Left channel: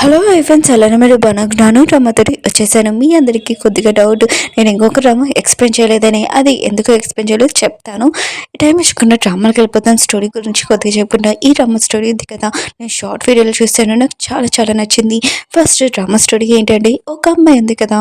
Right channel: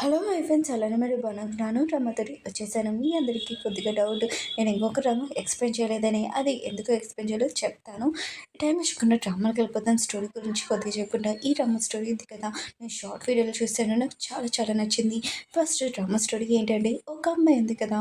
Hello friends, అలానే మీరు బాగున్నాను. రమ్మతోటి వచ్చేసాను. మీ అందరికీ కొద్దిగా డౌట్, నేను ఇంకొక డ్రామా ఎక్స్ప్లెయిన్ చేయలేదని. అది ఎందుకు ఎక్స్ప్లెయిన్ చేయలేదు చెప్తాను. టైం ఇచ్చకుండా డ్రామాలకు వెళ్ళిపోతాను. స్టోరీ గురించి కొద్దిగా చెప్పుకుంటా. ఈ డ్రామా స్టోరీ ఉంది కదా, నేను షార్ట్ వీడియోలో చూస్తాను. నాకు చాలా చాలా నచ్చింది. ఫస్ట్ డ్రామా స్టోరీ ఏంటంటే, ఒక అమ్మాయి ఉంది కదా,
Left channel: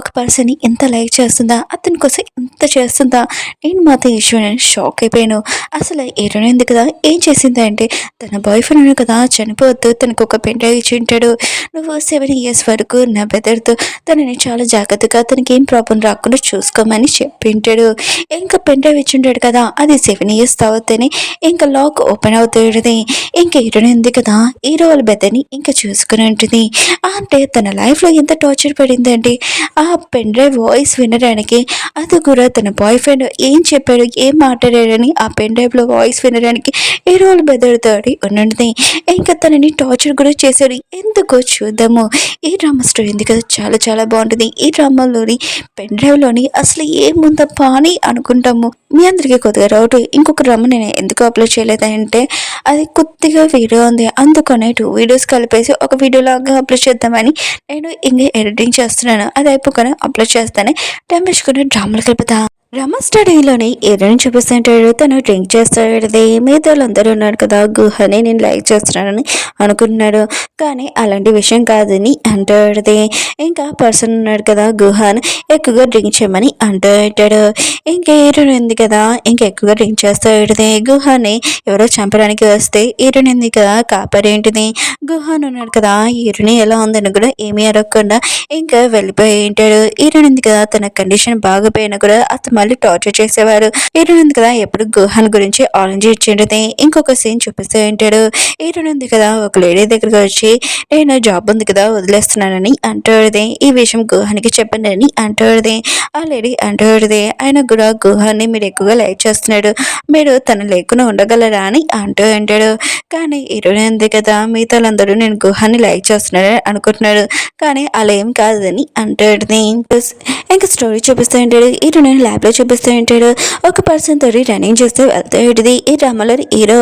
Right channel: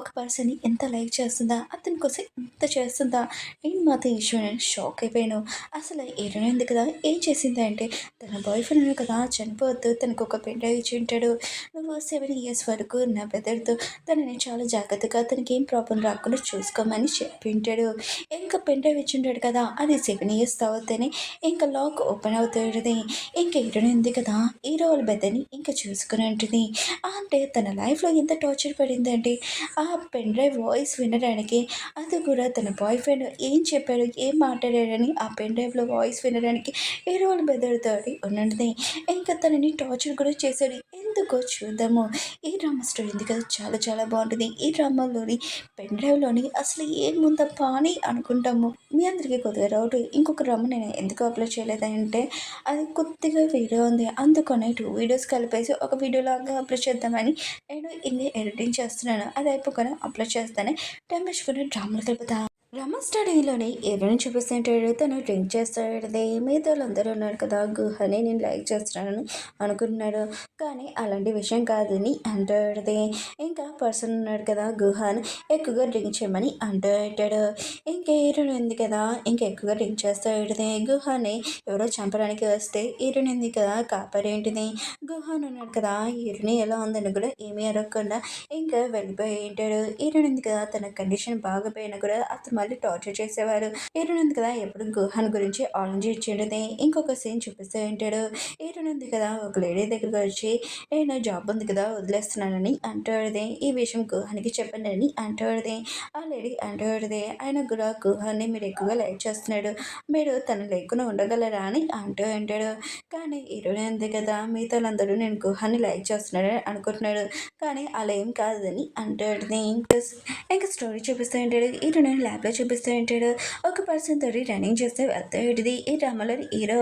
ఒక పర్సన్ని ఎంత లైక్ చేస్తుందా, అతని కోసం ఎంత చేస్తుందా. నేను మాత్రం ఈ షాక్ అయిపోయాను. అసలు హీరోయిన్ ఉంది కదా, ఏం చేసింది అంటే, తన బాయ్ ఫ్రెండ్ కదా చనిపోవద్దు, తనకు ఒక పెన్ డ్రైవ్ ఇచ్చి ఉంటాడు. నువ్వు 7 ఇయర్స్ వరకు నా బ్రదర్తో తనని చాలా జాగ్రత్తగా తనకి ఏం ప్రాబ్లం రాకుండా చూసుకోమని చెప్పింటాడు. ఇంకా పెన్ డ్రైవ్ ఇచ్చింటాడు కదా, అది 7 ఇయర్స్ తర్వాతనే ఇంకా లాక్ ఓపెన్ అవుతుంది. ఇంకా హీరోయిన్ ఉంది కదా, హీరో వాళ్ళ బ్రదర్ని ఇంకా చూసుకుని ఉంటుంది. అంటే తన లైఫ్లో ఎంత టార్చర్ పడిందంటే, ఆ పెన్ డ్రైవ్ వాయిస్ వినడానికి, అది కూడా తన బాయ్ ఫ్రెండ్ ఏం చెప్పాడు, ఏం మాట్లాడాడని ఆ పెన్ డ్రైవ్లో వాయిస్ వినడానికి హీరో వాళ్ళ బ్రదర్ తోటి ఉన్నది. ఇంకా తనని టార్చర్ కూడా చేశాడు. ఎందుకో చూద్దాము. ఈ డ్రామా స్టోరీ ఉంది కదా, చాలా చాలా బాగుంటుంది. ఈ డ్రామాలోని పెన్ డ్రైవ్లోని అసలు ఏముందప్పా అని అనుకుంటాము. మీ అందరికీ కొద్దిగా డౌట్, ఇంకొక డ్రామా నేను ఎందుకు అప్లోడ్ చేయలేదంటే, అది కొద్దిగా వీడియో ఉంది, అందుకనే 2 వీడియోస్ కలిపేసి ఒక వీడియోలాగా అప్లోడ్ చేద్దామని నేను ఇంకా ఎడిటింగ్ చేస్తున్నాను. అది అయిపోగానే అప్లోడ్ చేస్తానే టైం వేసుకుని డ్రామాలు కలుపుతా. రమ స్టడీలోని ఏదైనా చూపిస్తుంటాడు, తను డ్రింక్ చేస్తాడు. మిగతా వాళ్ళందరూ ఉన్నారు కదా, గుహని నేను లైక్ చేస్తున్నానని అనుకుంటున్నాడు. కానీ అలాంటి విషయం కాదని అంటాడు. ఇంకా పర్సన్ ఉన్నాడు కదా, గుహని ఎక్కువగా డ్రింక్ చేయమని అంటాడు. ఇంకా హీరోయిన్ ఉంది కదా, ఇంకా ఎక్కువగా డ్రింక్ చేస్తాడు. గుహని ఎవరో చంపడానికి వస్తే హీరోయిన్ ఉంది కదా, కాపాడేంటిది. గుహన్ ఉన్నాడు కదా, హీరోయిన్ ఎలా ఉందని కూడా ఏమీ అడగకుండా ఇంకా వెళ్ళిపోయి ఉంటాడు. హీరోయిన్ ఉంది కదా, తన కండిషన్ బాగపోయినా కూడా అతను మళ్ళీ టార్చర్ చేసేవారు. హీరోయిన్ ఉంది కదా, ఎప్పుడు గుహన్ గురించి ఆరెంజ్ ఇచ్చేది. ఇంకొక సీన్ చూపిస్తూ ఉంటాడు. హీరోయిన్ ఉంది కదా, ఒక లేడీ దగ్గరకు వచ్చి, నేను జాబ్ ఉంది కదా వదిలేస్తున్నానని అంటాడుది. ఈ విషయం గుహానికి చెప్పండి అని అంటాడుది. ఆ లేడీ అంటాడుది, ఆయన కూడా గుహాన్ని మీరు ఎక్కువగా లైక్ చేస్తున్నాడు, మీరు తన లేకుండా ఉండగలరా అని అంటాడు. కానీ హీరోయిన్ ఉంది కదా, మిగతా వాళ్ళందరూ నేను గుహాన్ని లైక్ చేస్తున్నాడని అనుకుంటున్నాడు, కానీ అలా ఏం కాదని అంటాడుది. ఇంకా స్టోరీ చూపిస్తూ ఉంటాడు. హీరోయిన్ ల్యాబ్లో చూపిస్తూ ఉంటాడు. ఒక పర్సన్ తోటి రన్నింగ్ చేస్తే వెళ్తాడు. ఈ డ్రామాలో హీరో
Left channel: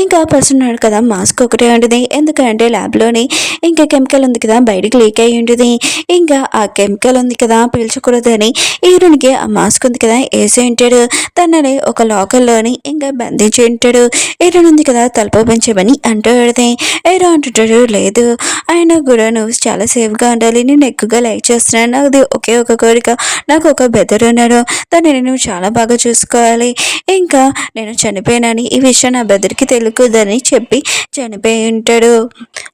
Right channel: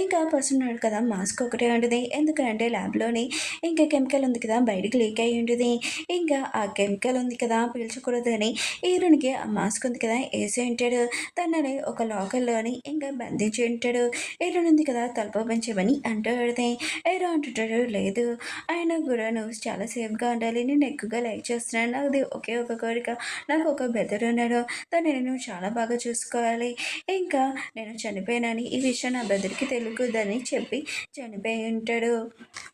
ఇంకా పర్సన్ ఉన్నాడు కదా, మాస్క్ ఒకటే ఉంటుంది. ఎందుకంటే ల్యాబ్లోని ఇంకా కెమికల్ ఉంది కదా, బయటికి లీక్ అయ్యి ఉంటుంది. ఇంకా ఆ కెమికల్ ఉంది కదా పీల్చకూడదని హీరోనికి ఆ మాస్క్ ఉంది కదా వేసి ఉంటాడు. తనని ఒక లాకర్లోని ఇంకా బంధించి ఉంటాడు. హీరోయిన్ ఉంది కదా, తలుపు పెంచమని అంటాడు. హీరో అంటుంటాడు, లేదు ఆయన కూడా నువ్వు చాలా సేఫ్గా ఉండాలి, నేను ఎక్కువగా లైక్ చేస్తున్నాను, అది ఒకే ఒక కోరిక, నాకు ఒక బెదర్ ఉన్నాడు, దాన్ని నేను చాలా బాగా చూసుకోవాలి. ఇంకా నేను చనిపోయానని ఈ విషయం నా బెదర్కి తెలుకుదని చెప్పి చనిపోయి ఉంటాడు.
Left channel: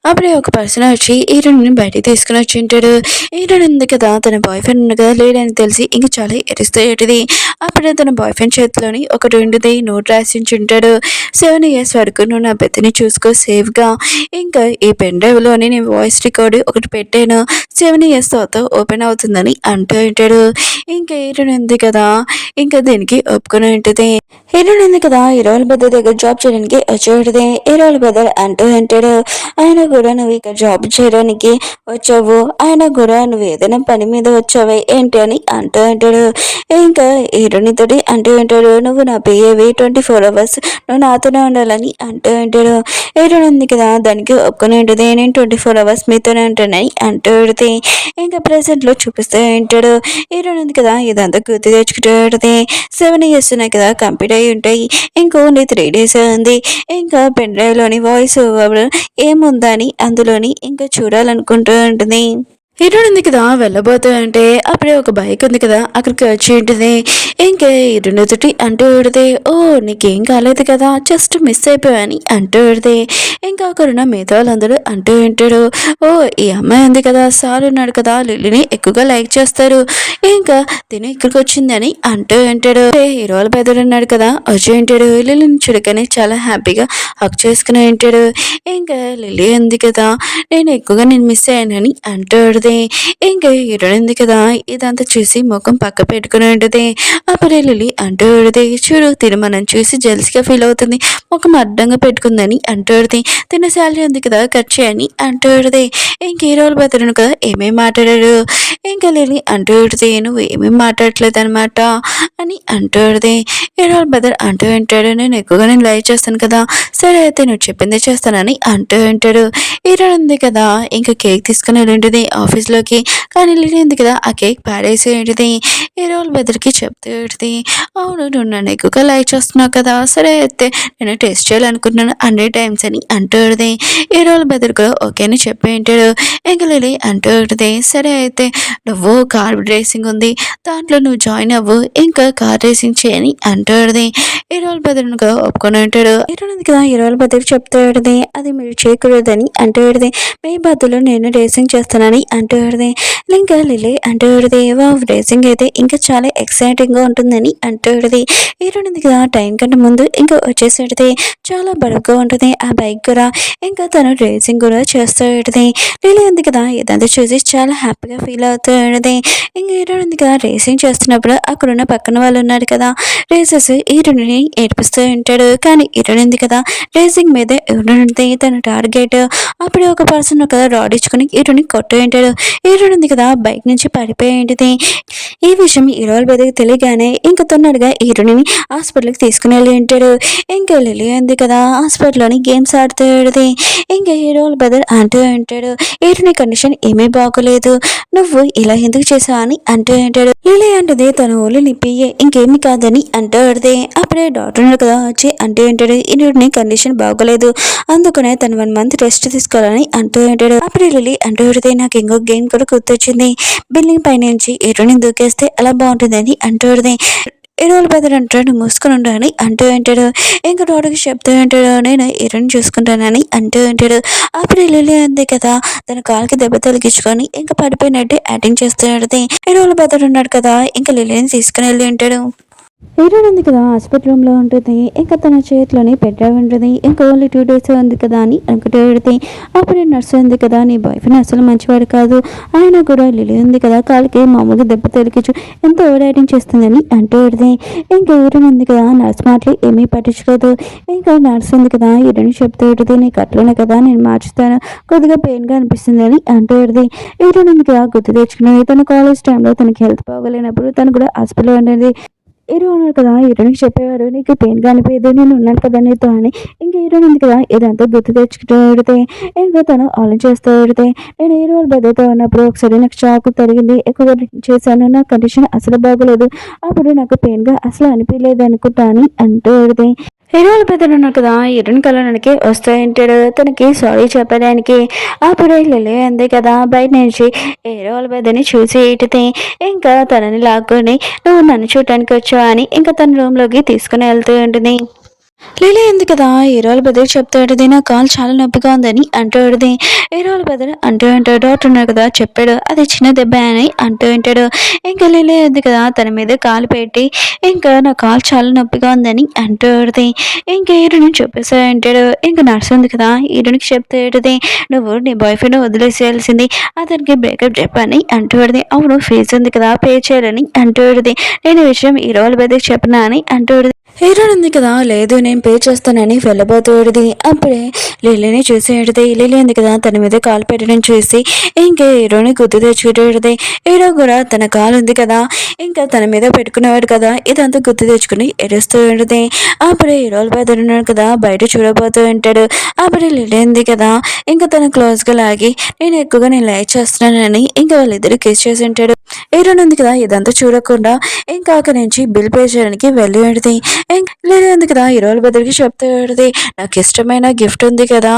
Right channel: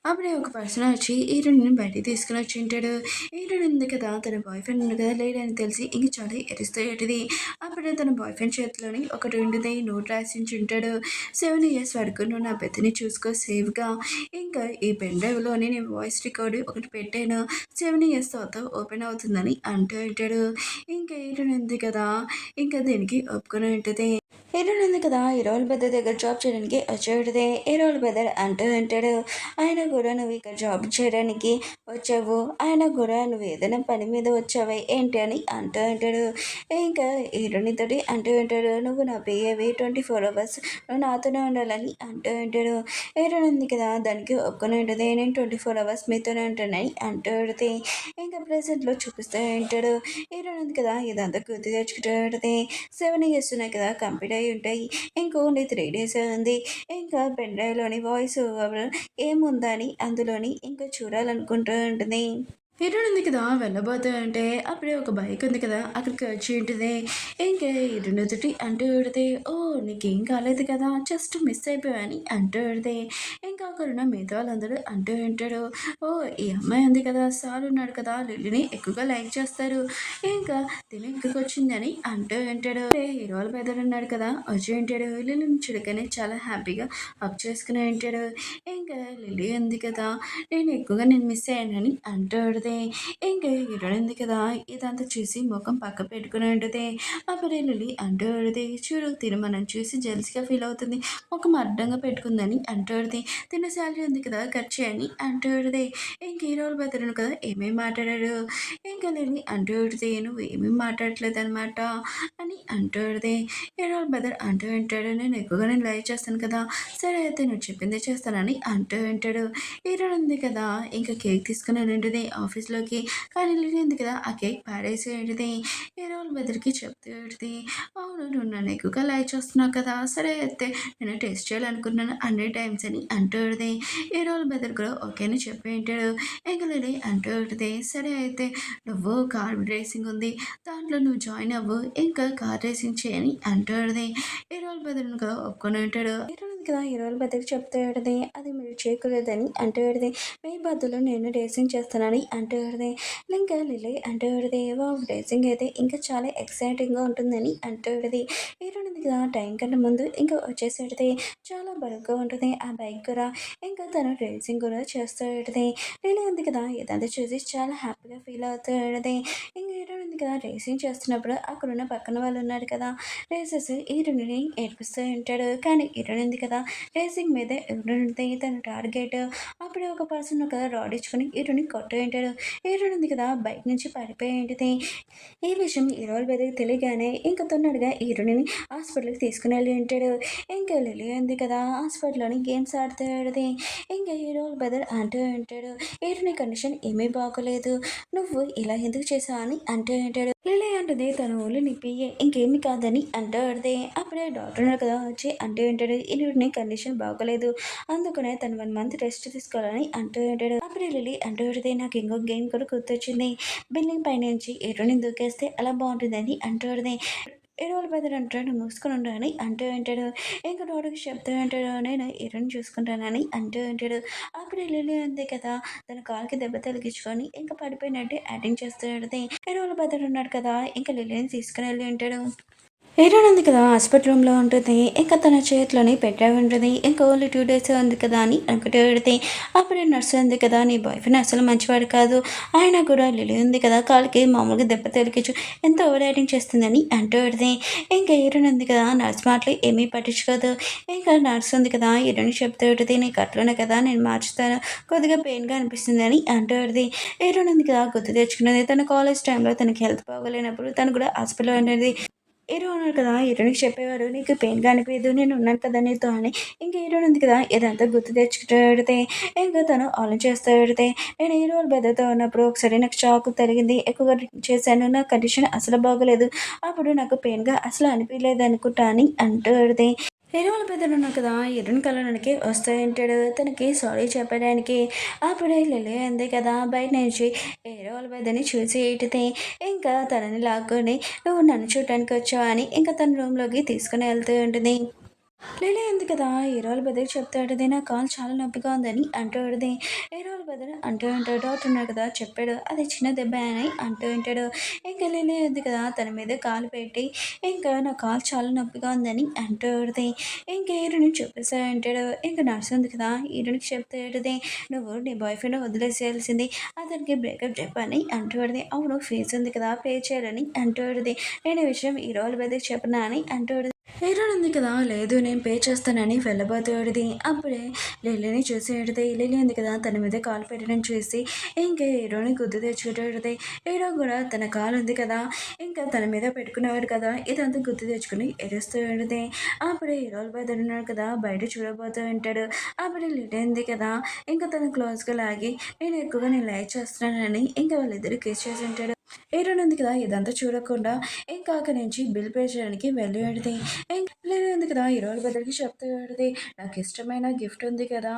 అప్పుడే ఒక పర్సన్ వచ్చి హీరోయిన్ని బయటికి తీసుకుని వచ్చి ఉంటాడు. హీరోయిన్ ఉంది కదా, తన బాయ్ ఫ్రెండ్ ఉంది కదా లేడని తెలిసి ఇంక చాలా ఎరుస్తేటిది. అప్పుడే తన బాయ్ ఫ్రెండ్ చేతిలోని ఒక 2 నోట్ రాసించి ఉంటాడు. 7 ఇయర్స్ వరకు నువ్వు నా బెత్తని చూసుకో సేఫ్గా. ఇంకా ఈ పెన్ డ్రైవ్లోని నేను వాయిస్ రికార్డు ఒకటి పెట్టాను, 7 ఇయర్స్ తర్వాత ఓపెన్ అవుతుందని అంటూ ఉంటాడు. ఇంకా హీరోయిన్ ఉంది కదా, ఇంకా దీనికి ఒప్పుకొని ఉంటుంది. హీరోయిన్ ఉంది కదా, హీరోయిన్ బెదర్ దగ్గర జాబ్ చేయడానికి వచ్చి ఉంటుంది. హీరోయిన్ బెదర్ అంటూ ఉంటాడు, ఆయన కూడా నువ్వు ఇక్కడ జాబ్ చేయడానికి వచ్చావు, ఆయన కూడా నువ్వు ఏదైనా పని మీద వచ్చావే ఏంటి అని అంటూ ఉంటాడు. ఇంకా హీరోయిన్ తోటి అంటూ ఉంటాడు, నువ్వు నా పిఏవి 24 అవర్స్ నువ్వు నాతోనే ఉండాలని అంటూ ఉంటాడు. హీరోయిన్ ఉంది కదా, దానికి ఒప్పుకొని ఉంటుంది, నేను 24 అవర్స్ మీతోనే ఉంటానని అంటూ ఉంటుంది. ఇంకా ప్రెసెంట్లో చూపిస్తూ ఉంటాడు. హీరోయిన్ ఉంది కదా, ఇదంతా గుర్తు తెచ్చుకుంటుంది. 7 ఇయర్స్ ఉన్నాయి కదా కంప్లీట్ అయి ఉంటాయి, ఇంకా ఓన్లీ 3 డేస్ ఉంది. ఇంకా పెన్ డ్రైవ్లోని వాయిస్ ఓవర్ ఏముందని అందులోని ఇంకా చూడాలనుకుంటూ ఉంటుంది. హీరోయిన్ ఉంది కదా, వెళ్ళబోతూ అంటే అప్పుడే ఒక బైక్ ఉంది కదా అక్కడికి వచ్చి ఉంటుంది. ఇంకా హీరోయిన్ తోటి అంటూ ఉంటుంది, ఓ నీకేం కాలేదు కదా, జస్ట్ మిస్ అయిపోయాని అంటూ ఉంటుంది. ఇంకా అక్కడున్న మిగతా వాళ్ళందరూ అంటూ ఉంటాడు, ఓ ఈ అమ్మాయి ఉంది కదా, సార్ ఉన్నాడు కదా, లిల్లీని ఎక్కువగా లైక్ చేస్తారు, ఇంకా తిని ఇక్కడికి వచ్చిందని అంటూ ఉంటాడు. హీరో వాళ్ళ పెద్దడు ఉన్నాడు కదా, వచ్చి ఉంటాడు. లిల్లీని చూడగానే చాలా హ్యాపీగా హక్ చేసుకుని ఉంటాడు. ఇంకా లిల్లీ ఉంది కదా, నేను ఎక్కువగా మిస్ అయ్యానని అంటూ ఉంటుంది. ఇంకా హీరోయిన్ ఉంది కదా ఇదంతా చూసి ముఖం పక్క పెట్టుకుని ఉంటుంది. అప్పుడే లిల్లీ అంటూ ఉంటుంది, చూడు తిను మనం చూసి జెల్స్గా ఫీల్ అవుతుంది, ముఖం అడ్డంగా పెట్టుకుందని అంటూ ఉంటుంది. తిన శాలరీ ఉంది కదా కట్ చేయని అంటూ ఉంటుంది. ఇంక హీరోలు బెదరను కదా ఏమేమి మాట్లాడాడు. ఇంకా లిల్లీ అంటూ ఉంటుంది, నువ్వు ఏమేమి మాట్లాడట్లేదు అనమాట అని అంటూ ఉంటుంది. హీరోలు బెదర్ అంటూ ఉంటాడు, నేను లైక్ చేస్తాను కదా, సరే అయితే నువ్వు చెప్పిందే చేస్తానని అంటూ ఉంటాడు. హీరోయిన్ ఉంది కదా ఇంకా కేక్ తీసుకుని వెళ్ళింటుంది ఆఫీస్లోకి. కానీ లిల్లీ ఉంది కదా ఆ కేక్ పాడేసి ఏంటిది హీరోల బెదర్కి చెప్తూ ఉంటుంది, అవును నువ్వు నన్ను ఎక్కువగా లైక్ చేస్తున్నావు కదా, సరే అయితే నేను టెస్ట్ చేయాలనుకుంటున్నాను 100 టైమ్స్ అని అంటూ ఉంటుంది. హీరోల బెదర్ కూడా ఓకే అని చెప్పి ఉంటాడు. ఇంకా లిల్లీ అంటూ ఉంటుంది, సరే అయితే నువ్వు కార్ రేసింగ్ ఉంది దాంట్లో నువ్వు జాయిన్ అవ్వు, ఇంకా కార్ రేసింగ్ చేయని అంటూ ఉంటుంది. హీరోల బెదర్ను కూడా ఒప్పుకొని ఉంటాడు. హీరోయిన్ ఉంది కదా హీరోల బెదర్ చెప్తూ ఉంటుంది, అది మీరు చేయకూడదని అంటూ ఉంటుంది. మీ బదులు నేను రేసింగ్ చేస్తానని అంటూ ఉంటుంది. ఇంకా లిల్లీ అంటూ ఉంటుంది, రేసింగ్ అయితే ఇంకా చాలా ఎక్సైటింగ్గా ఉంటుందని అంటూ ఉంటుంది. హీరోయిన్ ఉంది కదా టైం కంటే ముందు ఇంకా వచ్చేసేటిది చాలా బరువుగా ఉంటుంది ఆ బైక్ కూడా. ఇంకా తను రేసింగ్ కూడా చేస్తూ ఉంటుంది. లిల్లీ ఉంది కదా ఇదంతా చూసి చాలా హ్యాపీగా ఫీల్ అవుతూ ఉంటుంది. ఇంకా హీరోయిన్ ఉంది కదా రేసింగ్ చేస్తున్నప్పుడు అక్కడున్న పక్కన వాళ్ళు ఉన్నారు కదా రేసెస్ హీరోయిన్ని ఏడిపిస్తూ ఉంటాడు. కానీ హీరోయిన్ ఉంది కదా రేసింగ్ మీదే ఉంటుంది తన టార్గెట్. అప్పుడే ఒక పర్సన్ కదా రాడ్ ఇచ్చుకొని హీరోని కొట్టు ఉంటాడు. హీరోయిన్ ఉంది కదా బైక్ నుంచి పడిపోయి ఉంటుంది. ఈ విషయం హీరోల బెదకి తెలియగానే ఇంకా తొందరగా హీరోని హాస్పిటల్కి తీసుకుని వెళ్ళి ఉంటాడు. ఇంకా లిల్లీ ఉంది కదా హాస్పిటల్లోని గేమ్స్ ఆడుతూ ఉంటుంది. ఇంకా హీరోల బెదర్ అంటూ ఉంటాడు, హీరోని కండిషన్ ఏమీ బాగోలేదు, నువ్వు ఇలా ఎందుకు చేసావు అని అంటూ ఉంటాడు. లిల్లీ అంటుంది తన ఊళ్ళు నిప్పియే ఇంకేమి కాదని అంటూ ఉంటుంది. అప్పుడే డాక్టర్ కదా వచ్చి అంటూ ఉంటాడు, హీరోని కండిషన్ బాగోలేదు అందుకనే తను 1 మంత్ రెస్ట్ తీసుకోవాలని అంటూ ఉంటాడు. అప్పుడే లిల్లీ అంటూ ఉంటుంది, నాకు ఇంకో గేమ్ కూడా గుర్తొచ్చింది, బిల్డింగ్ పైనుంచి హీరోని దూకేస్తే అలా బాగుంటుందని అంటూ ఉంటుంది. హీరోల బెదర్ అంటాడు మూసుకొని ఉండని అంటూ ఉంటాడు. ఇంకా డాక్టర్కి చెప్తూ ఉంటాడు, నేను హీరోని చూసుకుంటానని అంటూ ఉంటాడు. అప్పుడు లిల్లీ ఉంది కదా తన కాలుకి దెబ్బ తొలగించుకొని ఇంకా పడిపోయినట్టు యాక్టింగ్ చేస్తూ ఉంటుంది. హీరోల బెదర్ ఉన్నాడు కదా ఇంకా లిల్లీని తీసుకుని వెళ్ళి ఉంటాడు. హీరోయిన్ ఉంది కదా హాస్పిటల్ రూమ్లో ఉంటుంది. ఇంకా తన చేతిలోని పెట్టే ఉంటుంది. ఇంకా ఓన్లీ 2 days ఉంది కదా అని అనుకుంటూ పెడితే అప్పుడే నర్సు ఉంది కదా నీ బాయ్ ఫ్రెండ్ అసలు మంచివాడు కాదు, ఆయన కూడా లిల్లీ ఉంది కదా కాలికి మామూలుగా దెబ్బ తొలగించు ఎంతో ఓవర్ యాక్టింగ్ చేస్తుందని అంటూ పెడితే ఇంకా హీరోయిన్ ఉంది కదా నర్స్ మాటలు ఏమీ పట్టించుకోదు. ఇంకా నర్స్ ఉంది కదా హీరోయిన్ చెప్తూ పెడితే నీకు అట్లనే కదా నేను మార్చుతాను, కొద్దిగా పెయిన్గా అనిపిస్తుందని అంటూ పెడితే హీరోయిన్ ఉంది కదా గుర్తు తెచ్చుకున్నది తన కాలేజ్ టైంలో తనకి హెల్త్ బాగోలేనప్పుడు తను కూడా హాస్పిటల్లో ఉండేది. హీరో ఉన్నారు కదా హీరోయిన్కి చెప్పేవారు, నీకు పెయిన్గా అనిపించదు నేను ఉన్నాను కదా నీతో అని. ఇంకా హీరోయిన్ ఉంది కదా ఇదంతా గుర్తు తెచ్చుకుంటూ పెడితే ఇంకా తను ఆలోచిస్తూ పెడితే నేను హీరో బెదర్తో ఉన్నప్పుడు ఒకసారి నాకు చాకు తగిలింది, ఎక్కువగా డ్రింక్ చేశాను, నా కండిషన్ అసలు బాగోలేదు, అప్పుడు నాకు పెయిన్గా అసలు అనిపించలేదు అనుకుంటా అని అంటూ పెడితే హీరోల బెదర్ ఉన్నారు కదా హీరోయిన్ కలవడానికి వస్తాయంటాడు తనకి సారీ చెప్పడానికి. అప్పుడే లిల్లీ అంది కదా బయట నుంచి హీరోల బెదర్ని చూసి ఇటితే ఇంకా తనని లాక్కొని నువ్వు నన్ను చూడటానికి వచ్చావు అని ఇంకా తన రూమ్లోకి తీసుకుని వెళ్తూ ఉంటుంది. లిల్లీ ఉంది కదా హీరోల బెదర్ చెప్తూ ఉంటుంది, నా కాలు చాలా నొప్పిగా ఉందని అంటూ ఉంటుంది. హీరోల బెదర్ అంటూ ఉంటాడు, డాక్టర్ ఉన్నారు కదా చెప్పాడు అది చిన్న దెబ్బ అని అంటూ ఉంటాడు. ఇంకా లిల్లీ ఉంది కదా తన మీద కాలు పెట్టి ఇంకా నా కాలు చాలా నొప్పిగా ఉందని అంటూ ఉంటుంది. ఇంకా హీరోని చెప్పేసా అంటాడు. ఇంకా నర్స్ ఉంది కదా హీరోనికి చెప్తూ ఉంటుంది, నువ్వు నీ బాయ్ ఫ్రెండ్ వదిలేసేయాల్సింది, అతనికి బ్రేకప్ చెప్పని అంటూ ఉంటుంది. అవును ఫీజు ఉంది కదా పే చేయాలని అంటూ ఉంటుంది. నేను ఈ విషయం హీరోల బెదర్ చెప్పనా అని అంటూ ఉంటుంది. హీరోయిన్ ఉంది కదా లేదు నేను పే చేస్తానని వెళ్ళబోతుడిది. అప్పుడే లిల్లీని చూసేటిది. లిల్లీ ఉంది కదా తన మీద కాలు పెట్టడం చూసి ఇంకా హీరోని గుర్తు తెచ్చుకుంటేది. హీరో కూడా తన కాలు ఉంది కదా ఇంకా తన మీద పెట్టుకునేవాడు కదా ఇదంతా గుర్తు తెచ్చుకుని ఏడుస్తూ ఉంటుంది. అప్పుడే హీరోలు బెదర్ ఉన్నాడు కదా బయట చూడబోతూ ఉంటాడు. అప్పుడే లిల్లీ ఉంది కదా ఇంకా తన క్లోజ్గా లాగి నేను లైక్ చేస్తున్నానని ఇంకా వాళ్ళిద్దరు కిస్ చేసి ఉంటాడు. హీరోయిన్ ఉంది కదా ఇదంతా చూడకుండా ఇంకా అక్కడి నుంచి బిల్ పే చేయడానికి వెళ్ళి ఉంటుంది. లేదు కదా హీరోల బెదర్కి చెప్తూ ఉంటుంది, నాకు ఇష్టమైన గిఫ్ట్ ఉంది కదా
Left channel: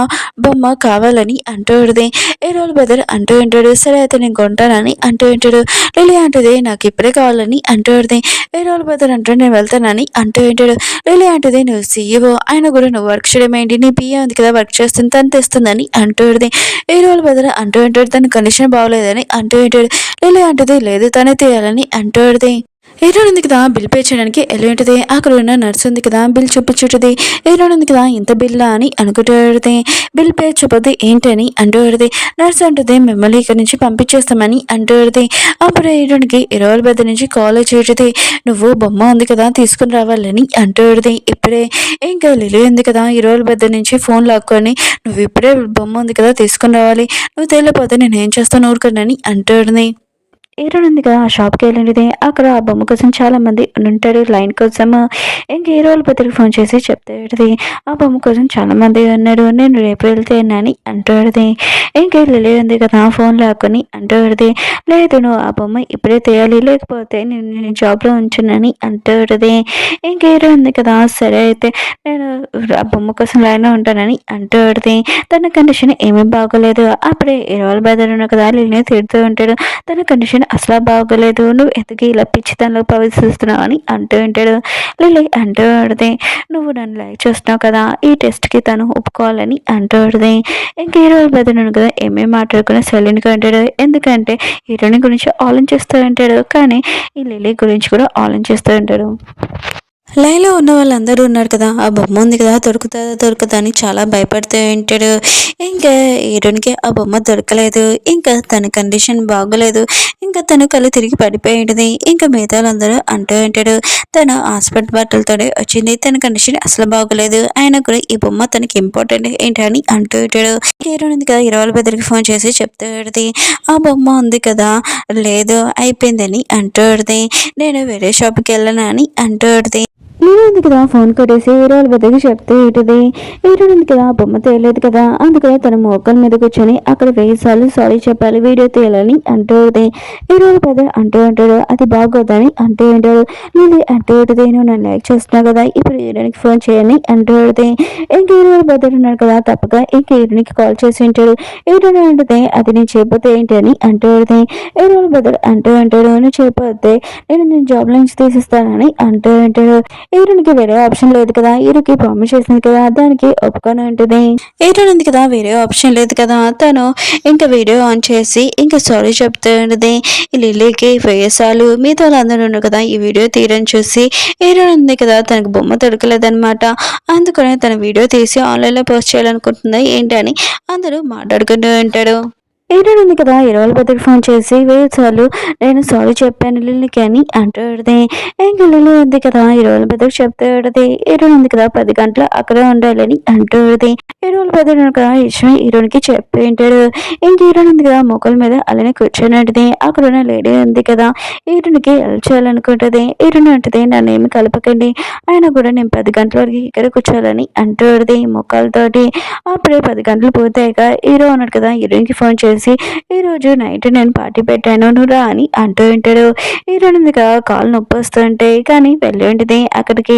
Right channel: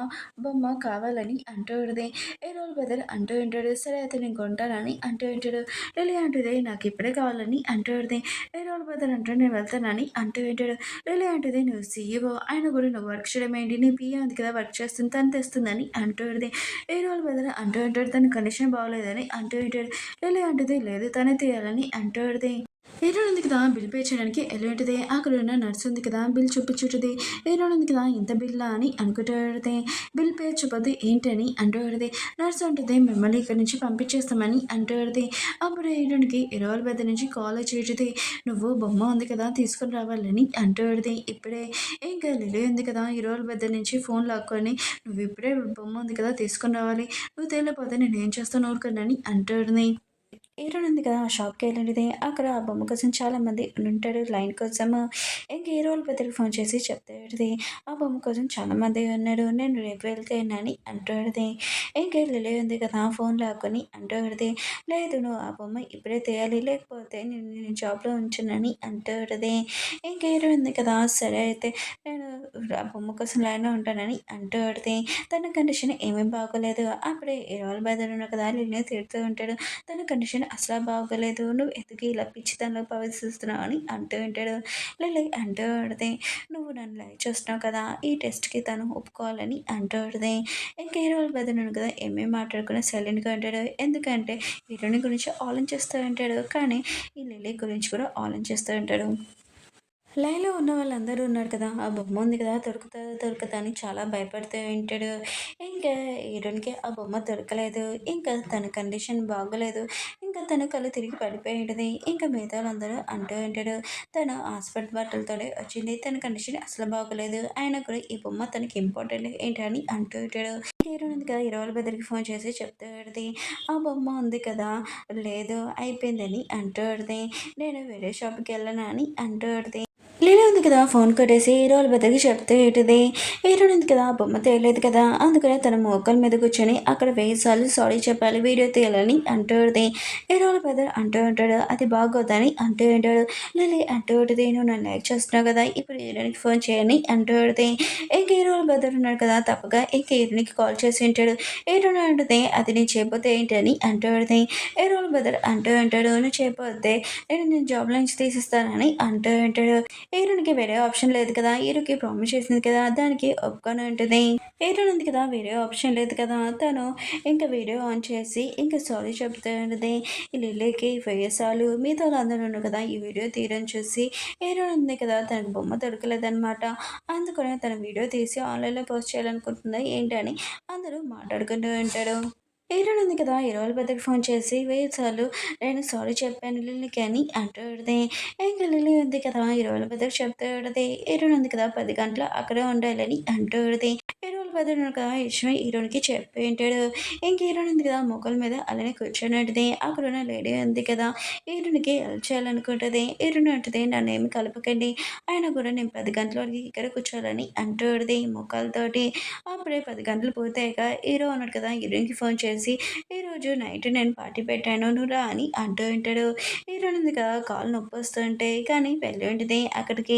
బొమ్మ కావాలని అంటూ ఉంటుంది. హీరోల బెదర్ అంటూ ఉంటాడు, సరే అయితే నేను కొంటానని అంటూ ఉంటాడు. లిల్లీ అంటుంది నాకు ఇప్పుడే కావాలని అంటూ ఉంటుంది. హీరోల బెదర్ అంటూ నేను వెళ్తానని అంటూ ఉంటాడు. లిల్లీ అంటుంది నువ్వు సీఈఓ ఆయన కూడా నువ్వు వర్క్ చేయడం ఏంటి, నీ పిఏ ఉంది కదా వర్క్ చేస్తుంది తను తెస్తుందని అంటూ ఉంటుంది. హీరోల బెదర్ అంటూ ఉంటాడు తన కండిషన్ బాగోలేదని అంటూ ఉంటాడు. లిల్లీ అంటుంది లేదు తనే తీయాలని అంటూ ఉంటుంది. హీరోయిన్ ఉంది కదా బిల్ పే చేయడానికి వెళ్ళి అక్కడ ఉన్న నర్స్ ఉంది కదా బిల్ చూపించుంటుంది. హీరోయిన్ ఉంది కదా ఇంత బిల్లా అని అనుకుంటుంది. బిల్ పే చెప్పొద్దు ఏంటని అంటుంది. నర్స్ అంటుంది మిమ్మల్ని ఇక్కడ నుంచి పంపించేస్తామని అంటుంది. అప్పుడు హీరోయిన్కి 20 పెద్ద నుంచి కాల్ వచ్చేది. నువ్వు బొమ్మ ఉంది కదా తీసుకుని రావాలని అంటుంది. ఇప్పుడే ఇంకా లిలీ ఉంది కదా 20 పెద్ద నుంచి ఫోన్ లాక్కొని నువ్వు ఇప్పుడే బొమ్మ ఉంది కదా తీసుకుని రావాలి, నువ్వు తెలియపోతే నేను ఏం చేస్తాను ఊరుకున్నాని అంటుంది. హీరోయిన్ ఉంది కదా ఆ షాప్కి వెళ్ళింది. అక్కడ ఆ బొమ్మ కోసం చాలా మంది ఉంటారు లైన్ కోసం. ఇంక హీరో వాళ్ళ పెద్దకి ఫోన్ చేసి చెప్తాడు ఆ బొమ్మ కోసం చాలా మంది ఉన్నారు, నేను రేపు వెళ్తే అని అంటాడుది. ఇంక లిలీ ఉంది కదా ఫోన్ లాక్కొని అంటాడుది, లేదు నువ్వు ఆ బొమ్మ ఇప్పుడే తీయాలి లేకపోతే నేను జాబ్లో ఉంచునని అంటాడుది. ఇంక హీరో ఉంది కదా సరే అయితే నేను ఆ బొమ్మ కోసం లైన్లో ఉంటానని అంటాడుది. తన కండిషన్ ఏమీ బాగోలేదు. అప్పుడే హీరో వాళ్ళ బెదర్ ఉన్న కదా లిలీని తిడుతూ ఉంటాడు. తన కండిషన్ అసలు బాగోలేదు, నువ్వు ఎందుకు ఇలా పిచ్చితనంలో ప్రవేశిస్తున్నావు అని అంటూ ఉంటాడు. లిల్లీ అంటూ ఉంటుంది, నువ్వు నన్ను లైక్ చేస్తున్నావు కదా ఈ టెస్ట్కి తను ఒప్పుకోవాలని అంటూ ఉంటుంది. ఇంక హీరోయిన్ బదులు కదా ఏమేమి మాట్లాడుకుని సైలెంట్గా ఉంటాడు. ఎందుకంటే హీరోయిన్ గురించి ఆలోచిస్తూ ఉంటాడు, కానీ ఈ లిల్లీ గురించి కూడా ఆలోచిస్తూ ఉంటాడు. లైన్లో ఉన్న వాళ్ళందరూ ఉన్నారు కదా ఆ బొమ్మ ఉంది కదా దొరుకుతా అని చాలా భయపడుతూ ఉంటాడు. ఇంకా హీరోయిన్కి ఆ బొమ్మ దొరకలేదు. ఇంకా తన కండిషన్ బాగోలేదు. ఇంకా తను కళ్ళు తిరిగి పడిపోయి ఉంటుంది. ఇంకా మిగతా వాళ్ళందరూ అంటూ ఉంటాడు తను హాస్పిటల్ బట్టలతోనే వచ్చింది, తన కండిషన్ అసలు బాగోలేదు, ఆయన కూడా ఈ బొమ్మ తనకి ఇంపార్టెంట్ ఏంటని అంటూ ఉంటాడు. హీరోయిన్ ఉంది కదా 20 బెదరికి ఫోన్ చేసి చెప్తాడు ఆ బొమ్మ ఉంది కదా లేదు అయిపోయిందని అంటాడుది. నేను వేరే షాప్కి వెళ్ళను అని అంటాడుది. లీలా ఉంది కదా ఫోన్ కొట్టేసి హీరోల బద్దకి చెప్తే ఇటుది. హీరోయిన్ ఉంది కదా బొమ్మ తేయలేదు కదా అందుకని తన మోకాల మీద కూర్చొని అక్కడ 1000 సార్లు సారీ చెప్పాలి వీడియో తీయాలని అంటుంది. హీరోల బద్ద అంటూ ఉంటాడు అది బాగోదని అంటూ ఉంటాడు. లిల్లీ అంటూ ఉంటుంది నువ్వు నన్ను లైక్ చేస్తున్నావు కదా ఇప్పుడు హీరోయిన్కి ఫోన్ చేయని అంటూ ఉంటుంది. ఇంక హీరోల బద్ద ఉన్నాడు కదా తప్పక ఇంక హీరోయిన్కి కాల్ చేసి ఉంటాడు. హీరోయిన్ అంటుంది అది నేను చేయకపోతే ఏంటి అని అంటూ ఉంటుంది. హీరోల బద్ద అంటూ ఉంటాడు నువ్వు చేయకపోతే నేను జాబ్ నుంచి తీసిస్తానని అంటూ ఉంటాడు. హీరోయిన్కి వేరే ఆప్షన్ లేదు కదా, హీరోకి ప్రామిస్ చేసింది కదా దానికి ఒప్పుకొని ఉంటుంది. హీరోయిన్ ఉంది కదా వేరే ఆప్షన్ లేదు కదా తను ఇంకా వీడియో ఆన్ చేసి ఇంకా సారీ చెప్తూ ఉంటుంది. లిల్లీకి వేసాలు మీతో వాళ్ళందరూ ఉన్నారు కదా ఈ వీడియో తీయని చూసి హీరోయిన్ ఉంది కదా తనకు బొమ్మ దొరకలేదనమాట. అందుకనే తన వీడియో తీసి ఆన్లైన్లో పోస్ట్ చేయాలనుకుంటుందా ఏంటని అందరూ మాట్లాడుకుంటూ ఉంటాడు. హీరోయిన్ ఉంది కదా 20 బద్దకి ఫోన్ చేసి 1000 సార్లు నేను సారీ చెప్పాను లిల్లీకి అని అంటాడుది. ఇంకా లిల్లీ ఉంది కదా 20 బద్దకి చెప్తాడుది. హీరోయిన్ ఉంది కదా 10 గంటలు అక్కడే ఉండాలని అంటాడుది. 20 బద్దలు కదా విషయం హీరోయిన్కి చెప్పి ఉంటాడు. ఇంక హీరోయిన్ ఉంది కదా మొక్కల మీద అలానే కూర్చొని అక్కడ ఉన్న లేడీ ఉంది కదా హీరోయిన్కి హెల్ప్ చేయాలనుకుంటుంది. హీరోయిన్ అంటుంది నన్ను ఏమి కలపకండి ఆయన కూడా నేను 10 గంటల వరకు ఇక్కడ కూర్చోాలని అంటాడుది మొక్కలతోటి. అప్పుడే 10 గంటలు పూర్తయ్యాక హీరో ఉన్నాడు కదా హీరోయిన్కి ఫోన్ చేసి ఈరోజు నైట్ నేను పార్టీ పెట్టాను నువ్వు రా అని అంటూ ఉంటాడు. హీరోయిన్ ఉంది కదా కాలు నొప్పి వస్తుంటే కానీ వెళ్ళి ఉంటుంది అక్కడికి.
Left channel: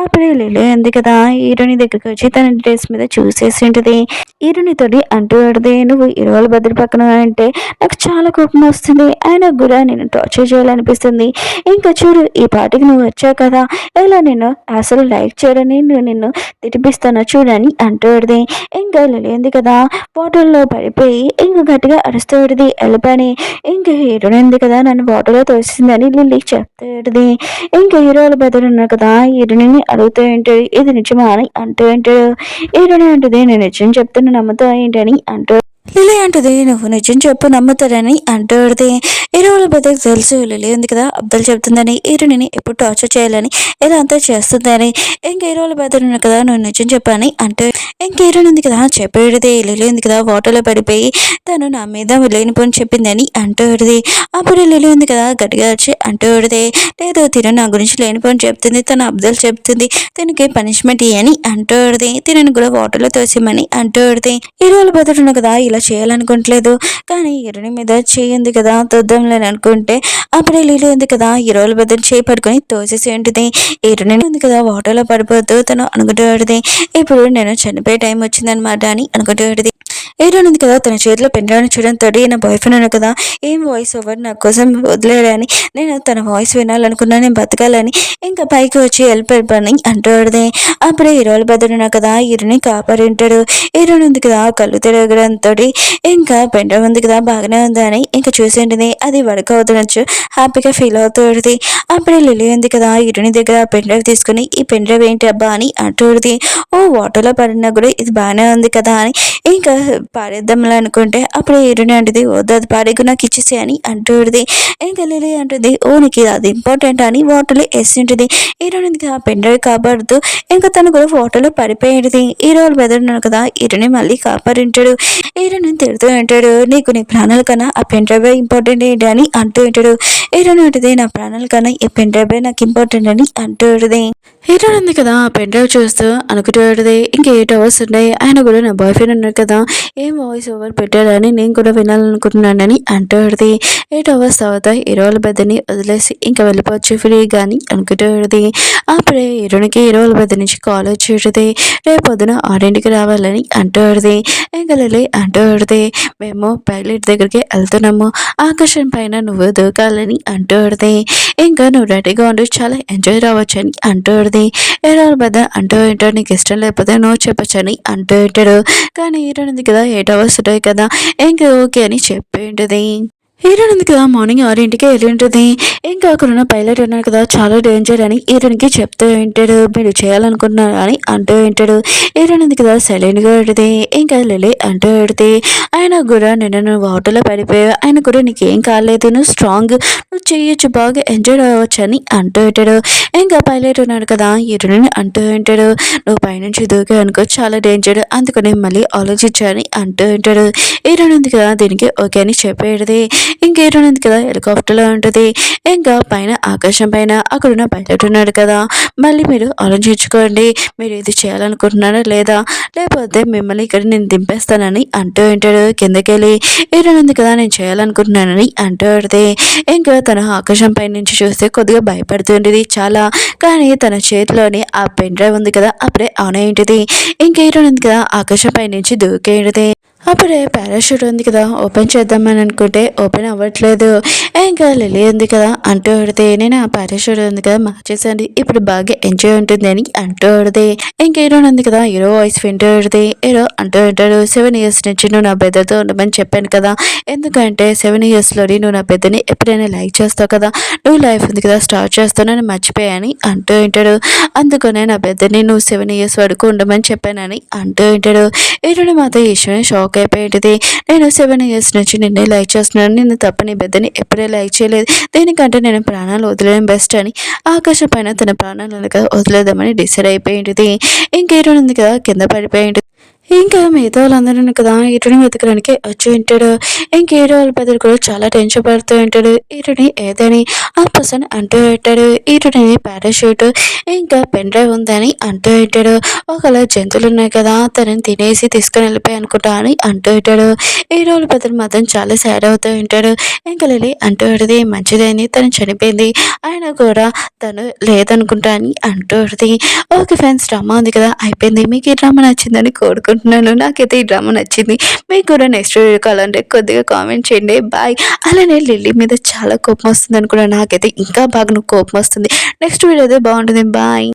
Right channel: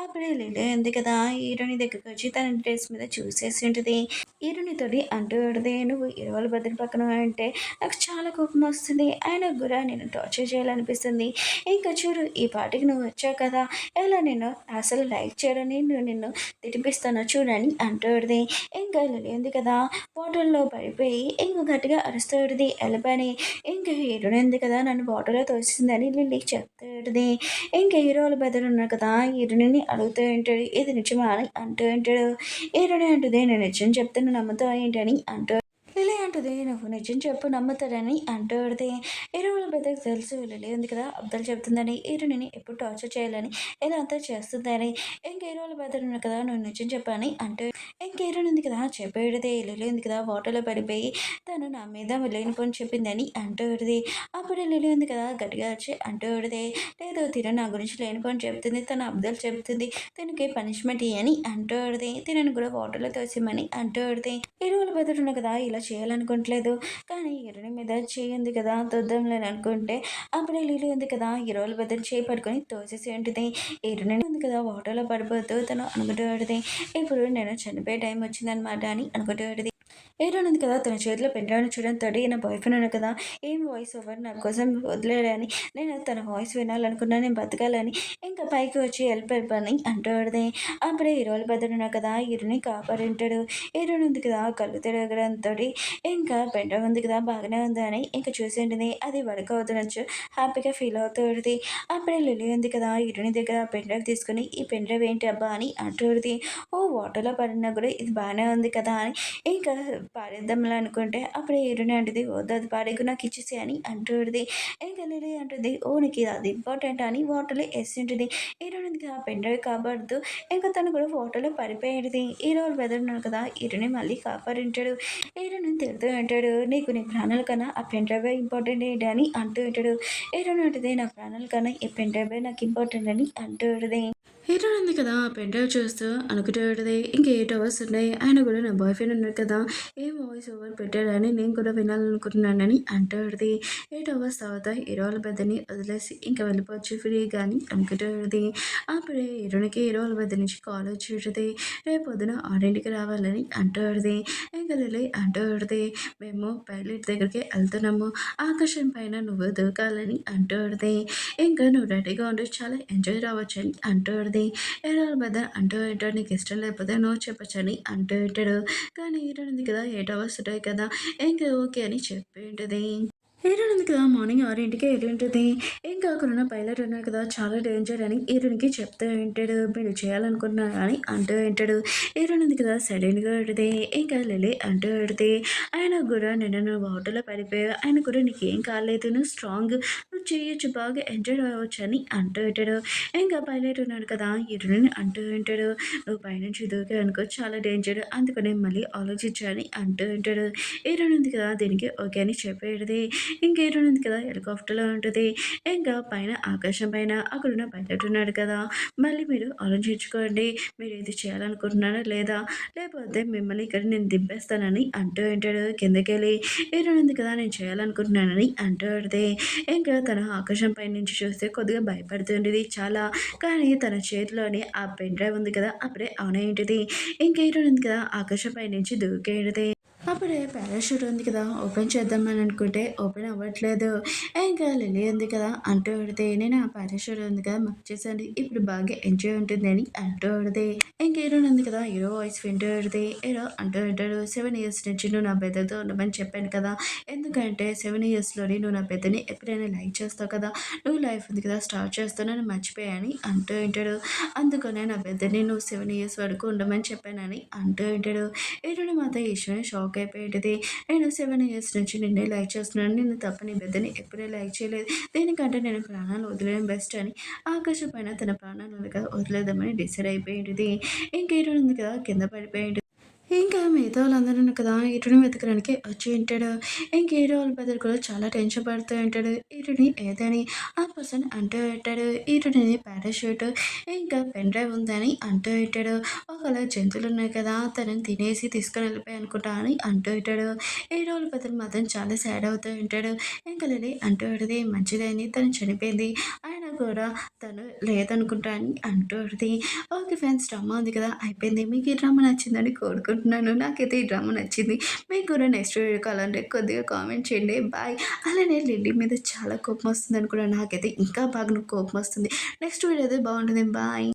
అప్పుడే లిల్లీ ఉంది కదా హీరోయిన్ దగ్గరికి వచ్చి తన డ్రెస్ మీద చూసేసి ఉంటుంది. హీరోయిన్ తోటి అంటూ ఉంటుంది నువ్వు 20 భద్ర పక్కన అంటే నాకు చాలా కోపం వస్తుంది, ఆయన కూడా నేను టార్చర్ చేయాలనిపిస్తుంది. ఇంకా చూడు ఈ పార్టీకి నువ్వు వచ్చావు కదా ఇలా నేను అసలు లైక్ చేయడని నిన్ను తినిపిస్తాను చూడని అంటూడిది. ఇంకా లిల్లీ ఉంది కదా వాటర్లో పడిపోయి ఇంకా గట్టిగా అరుస్తూడిది వెళ్ళిపోయి. ఇంకా హీరోయిన్ ఉంది కదా నన్ను వాటర్లో తోసిందని లిల్లీ చెప్తాడుది. ఇంకా హీరోల బదులు ఉన్నారు కదా హీరోయిన్ అడుగుతూ ఉంటాడు ఇది నిజమా అని అంటూ ఉంటాడు. హీరోయిన్ అంటుంది నేను నిజం చెప్తున్నా నమ్ముతా ఏంటని అంటూ లిల్లీ అంటుంది నువ్వు నిజం చెప్పు నమ్ముతారని అంటుంది. హీరోల బద్దకు తెలుసు లిల్లీ ఉంది కదా అబ్బాయిలు చెప్తుందని హీరోని ఎప్పుడు టార్చర్ చేయాలని ఇలా అంతా చేస్తుందని. ఇంక హీరోల బద్దలు ఉన్నారు కదా నువ్వు నిజం చెప్పని అంటూ ఇంక హీరోయిన్ ఉంది కదా చెప్పేది లిల్లీ ఉంది కదా వాటర్లో పడిపోయి తను నా మీద లేనిపోని చెప్పిందని అంటూడిది. అప్పుడు లిల్లీ ఉంది కదా గట్టిగా వచ్చి అంటూడిది లేదు తిను నా గురించి లేనిపోని చెప్తుంది, తన అబ్బాయిలు చెప్తుంది, తినకి పనిష్మెంట్ ఇయ్యని అంటూడిది, తినని కూడా వాటర్లో తోసిమని అంటూడిది. హీరోల బదులు ఉన్నారు కదా ఇలా చేయాలనుకోవట్లేదు కానీ హీరోయిన్ మీద చేయింది కదా తొద్దాంలేని అనుకుంటే అప్పుడే లిల్లీ ఉంది కదా హీరోల బదులు చేయి పట్టుకొని తోసేసి ఉంటుంది. హీరోయిన్ ఉంది కదా వాటర్లో పడిపోతూ తను అనుకుంటూ ఇప్పుడు నేను చనిపోయే టైం వచ్చిందనమాట అని అనుకుంటూ ఏడోనుంది కదా తన చేతిలో పెన్ డ్రైవ్‌ని చూడడంతోటి నా బాయ్ ఫ్రెండ్ ఉన్నాడు కదా! ఏం వాయిస్ ఓవర్ నా కోసం వదిలేడని నేను తన వాయిస్ వినాలనుకున్నా. నేను బతకాలని ఇంకా పైకి వచ్చి వెళ్ళిపోయి అంటాడుది. అప్పుడే హీరోల బదులున్నా కదా! హీరోని కాపాడింటాడు. హీరోయిన్ కదా! కళ్ళు తిరగడంతోటి ఇంకా పెన్ డ్రైవ్ ఉంది కదా! బాగానే ఉందని ఇంక చూసింటిది. అది వర్క్ అవుతున్నచ్చు హ్యాపీగా ఫీల్ అవుతూంటది. అప్పుడే లిల్లీ ఉంది కదా! హీరోయిన్ దగ్గర పెన్ డ్రైవ్ తీసుకొని ఈ పెన్ డ్రైవ్ ఏంటి అబ్బా అని అంటూంటది. ఓహ్! వాటర్‌లో పడినా కూడా ఇది బానే ఉంది కదా! అని ఇంకా పాడేద్దాంలే అనుకుంటే అప్పుడు హీరోయిన్ అంటది వద్దు అది పాడేయకు నాకు ఇచ్చేసేయ్ అని అంటూంటది. ఇంకా లిల్లీ అంటది ఓహ్! నీకు అది ఇంపార్టెంటా అని వాటర్‌లో ఎసింటది. హీరోయిన్‌కి ఆ పెన్ డ్రైవ్ కాపాడుతూ ఇంకా తను కూడా వాటర్‌లో పడిపోయింటది. హీరో వాళ్ళ బ్రదర్ ఉన్నాడు కదా! హీరోని మళ్ళీ కాపాడింటాడు. హీరోని తిడుతూ ఉంటాడు. నీకు నీ ప్రాణాల కన్నా ఆ పెన్ డ్రైవే ఇంపార్టెంట్ ఏంటి అని అంటూ ఉంటాడు. హీరోయిన్ అంటది నా ప్రాణాల కన్నా ఈ పెన్ డ్రైవే నాకు ఇంపార్టెంట్ అని అంటూ ఉంటది. హీరోయిన్ ఉంది కదా! ఆ పెన్ డ్రైవ్ చూస్తూ అనుకుంటూ ఉంటది. ఇంక 8 అవర్స్ ఉన్నాయి. ఆయన కూడా నా బాయ్ ఫ్రెండ్ ఉన్నాడు కదా! ఏం వాయిస్ ఓవర్ పెట్టాడని నేను కూడా వినాలనుకుంటున్నానని అంటూ ఉంటది. 8 అవర్స్ తర్వాత హీరో వాళ్ళ బెడ్‌ని వదిలేసి ఇంకా వెళ్ళిపోవచ్చు ఫ్రీగా అని అనుకుంటూ ఉంటది. అప్పుడే హీరోయిన్‌కి హీరో వాళ్ళ బెడ్ నుంచి కాల్ వచ్చి ఉంటది. రేపు పొద్దున 6కి రావాలని అంటూ ఉంటది. ఇంక లిల్లీ అంటూ ఉంటది. మేము పైలట్ దగ్గరికి వెళ్తున్నాము. ఆకాశం పైన నువ్వు దూకాలని అంటూ ఉంటది. ఇంకా నువ్వు రెడీగా ఉండు చాలా ఎంజాయ్ రావచ్చని అంటూ ఉంటది. హీరో వాళ్ళ బ్రదర్ అంటూ ఉంటాడు నీకు ఇష్టం లేకపోతే నో చెప్పొచ్చని అంటూ ఉంటాడు. కానీ హీరోయిన్ ఉంది కదా 8 అవర్స్ ఉంటాయి కదా! ఇంక ఓకే అని చెప్పి ఉంటది. హీరోయిన్ ఉంది కదా మార్నింగ్ 6కి వెళ్ళి ఉంటుంది. ఇంకా అక్కడున్న పైలట్ ఉన్నాడు కదా చాలా డేంజర్ అని హీరోయిన్‌కి చెప్తూ ఉంటాడు. మీరు చేయాలనుకుంటున్నారు అని అంటూ ఉంటాడు. హీరోయిన్ ఉంది కదా సైలెంట్‌గా ఉంటది. ఇంకా లిల్లీ అంటూ ఉంటది. ఆయన కూడా నిన్న నువ్వు వాటర్‌లో పడిపోయావు. ఆయన కూడా నీకేం కాలేదు. నువ్వు స్ట్రాంగ్. నువ్వు చేయొచ్చు బాగా ఎంజాయ్ అవ్వచ్చు అని అంటూ ఉంటాడు. ఇంకా పైలట్ ఉన్నాడు కదా హీరోయిన్ అంటూ ఉంటాడు. నువ్వు పైనుంచి దూకావు అనుకో చాలా డేంజర్. అందుకని మళ్ళీ ఆలోచించని అంటూ ఉంటాడు. హీరోయిన్ ఉంది కదా దీనికి ఓకే అని చెప్పేది. ఇంక హీరోయిన్ ఉంది కదా హెలికాప్టర్‌లో ఉంటది. ఇంకా పైన ఆకాశం పైన అక్కడున్న పైలట్ ఉన్నాడు కదా! మళ్ళీ మీరు ఆలోచించుకోండి. మీరు ఇది చేయాలనుకుంటున్నారా లేదా? లేకపోతే మిమ్మల్ని ఇక్కడ నేను దింపేస్తానని అంటూ ఉంటాడు కిందకెళ్ళి. హీరోయిన్ ఉంది కదా నేను చేయాలనుకుంటున్నానని అంటూ ఉంటది. ఇంకా తను ఆకాశం పై నుంచి చూస్తే కొద్దిగా భయపడుతుంటది చాలా. కానీ తన చేతిలోని ఆ పెన్ డ్రైవ్ ఉంది కదా అప్పుడే ఆన్ అయి ఉంటది. ఇంక హీరోయిన్ ఉంది కదా ఆకాశం పై నుంచి దూకేయడది. అప్పుడే పారాషూట్ ఉంది కదా ఓపెన్ చేద్దామని అనుకుంటే ఓపెన్ అవ్వట్లేదు. ఇంకా లిల్లీ ఉంది కదా అంటూ ఉంటది. నేను ఆ పారాషూట్ ఉంది కదా మార్చేసాను. ఇప్పుడు బాగా ఎంజాయ్ ఉంటుంది అని అంటూ ఉంటది. ఇంక హీరోయిన్ ఉంది కదా హీరో వాయిస్ వింటూ ఉంటది. హీరో అంటూ ఉంటాడు 7 ఇయర్స్ నుంచి నువ్వు నా బ్రదర్‌తో ఉండమని చెప్పాను కదా! ఎందుకంటే 7 ఇయర్స్‌లోని నువ్వు నా బ్రదర్‌ని ఎప్పుడైనా లైక్ చేస్తావు కదా! నువ్వు లైఫ్ ఉంది కదా స్టార్ట్ చేస్తానని మర్చిపోయాని అంటూ ఉంటాడు. అందుకనే నా బ్రదర్‌ని నువ్వు 7 ఇయర్స్ వరకు ఉండమని చెప్పానని అంటూ ఉంటాడు. హీరోయిన్ మాత్రం ఈ విషయమే షాక్ అయిపోయింటది. నేను 7 ఇయర్స్ నుంచి నిన్నే లైక్ చేస్తున్నాను. నిన్ను తప్ప నీ బిడ్డని ఎప్పుడే లైక్ చేయలేదు. దీనికంటే నేను ప్రాణాలు వదిలేయడం బెస్ట్ అని ఆకాశం పైన తన ప్రాణాలను వదిలేద్దామని డిసైడ్ అయిపోయింటది. ఇంక హీరోయిన్ ఉంది కదా కింద పడిపోయింటది. ఇంకా మిగతా వాళ్ళందరూ కదా హీరోని వెతకడానికి వచ్చి ఉంటాడు. ఇంక హీరో వాళ్ళ బ్రదర్ కూడా చాలా టెన్షన్ పడుతూ ఉంటాడు. హీరోని ఏదని ఆ పర్సన్ అంటూ ఉంటాడు. హీరోని పారాషూట్ ఇంకా పెన్ డ్రైవ్ ఉందని అంటూ ఉంటాడు. ఒకవేళ జంతువులు ఉన్నాయి కదా తనని తినేసి తీసుకొని వెళ్ళిపోయి అనుకుంటా అని అంటూ ఉంటాడు. హీరో వాళ్ళ బ్రదర్ మాత్రం చాలా సాడ్ అవుతూ ఉంటాడు. ఇంకా లిల్లీ అంటూ ఉంటుంది మంచిదని తను చనిపోయింది. ఆయన కూడా తను లేదనుకుంటా అని అంటూ ఉంటుంది. ఓకే ఫ్రెండ్స్ డ్రామా ఉంది కదా అయిపోయింది. మీకు ఈ డ్రామా నచ్చిందని కోరుకుంటున్నాను. నాకైతే ఈ డ్రామా నచ్చింది. మీకు కూడా నెక్స్ట్ వీడియో కావాలంటే కొద్దిగా కామెంట్ చేయండి. బాయ్. అలానే లిల్లీ మీద చాలా కోపం వస్తుందని కూడా నాకైతే ఇంకా బాగా కోపం వస్తుంది. నెక్స్ట్ వీడియో అయితే బాగుంటుంది. బాయ్.